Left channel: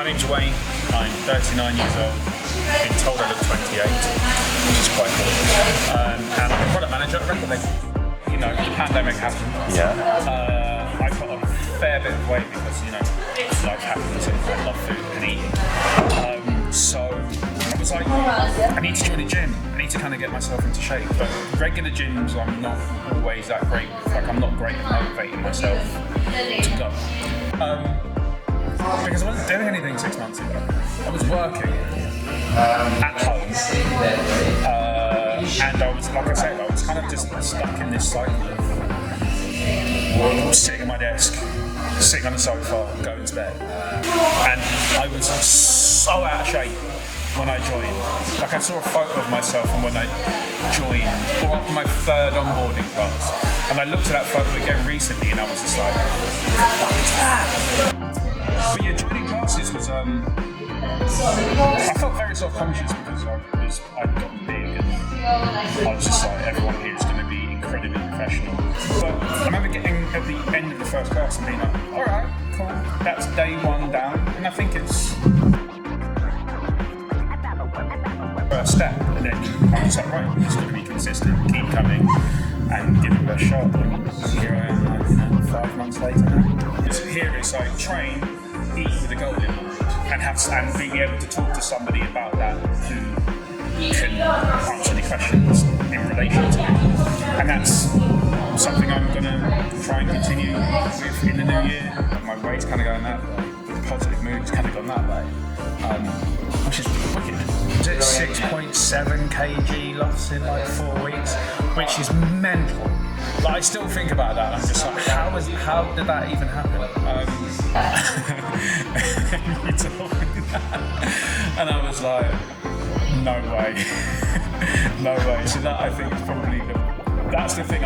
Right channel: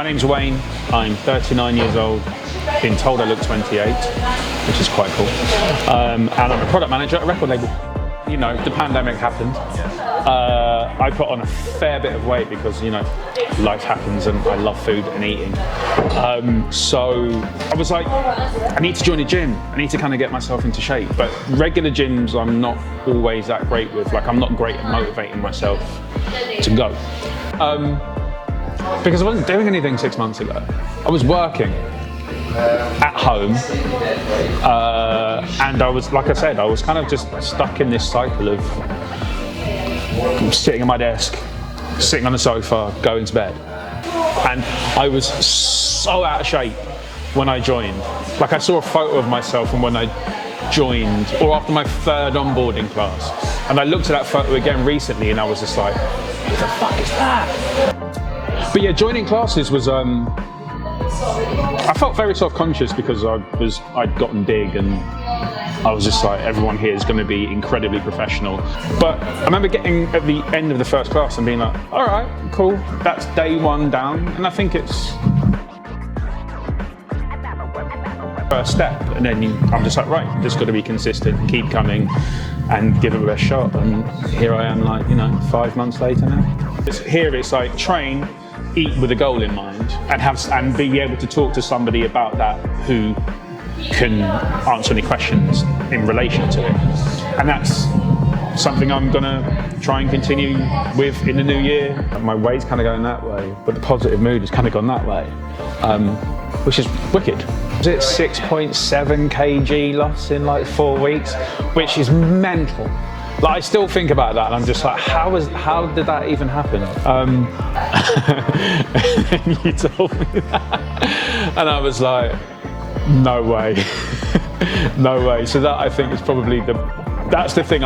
My name's Wayne, I'm 39 years old, been told I look 28, which is quite cool. And I'm a product manager at a record label. You know, the pandemic happened. Yeah. I put on a fair bit of weight because, you know, life happens and I love food and eating. So I was like, I need to join a gym. I need to kind of get myself into shape. But regular gyms I'm not always that great with. Like, I'm not great at motivating myself to go. Because I wasn't doing anything 6 months ago. I was working at home, and I was, like I said, I was kind of just stuck in this cycle of sitting at my desk, sitting on the sofa, going to bed. And I was so out of shape when I joined. Like, I saw a photo of myself from when I joined, or after my third onboarding class. And I looked at that photo again recently and I was just like, what the fuck is that? But yeah, joining classes was, I felt very self-conscious because I'd gotten big and I was just like, everyone here is going to be incredibly professional. But I remember getting at the end of the first class and being like, all right, cool, that's day one down. And I think it's first step. And then I'm just like, right, I'm just got to be consistent, keep coming and give them the best shot. And here I am, like, you know, 5 months later now. Here it's like train, eat with a goal in mind, and be able to talk to somebody about that who can answer any questions in relation to it. And that's something I'm gonna try and continue with in the new year. My weight's kind of going that way, but the positive mood has kind of gone that way, which is wicked. Is it 6.7 kg loss in like 4 weeks, which is mental. Like, I still think about that and I'm just like, how did that even happen? You told me that. And I was like, no way. No way. So that, I think, is probably that's the thing.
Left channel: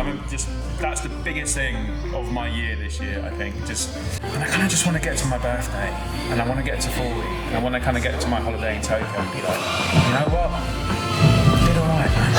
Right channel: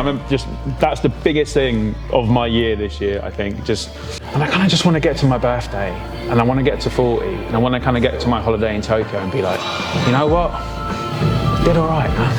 That's the biggest thing of my year this year, I think. And I kind of just want to get to my birthday and I want to get to 40 and I want to kind of get to my holiday in Tokyo and be like, you know what? I did all right, man.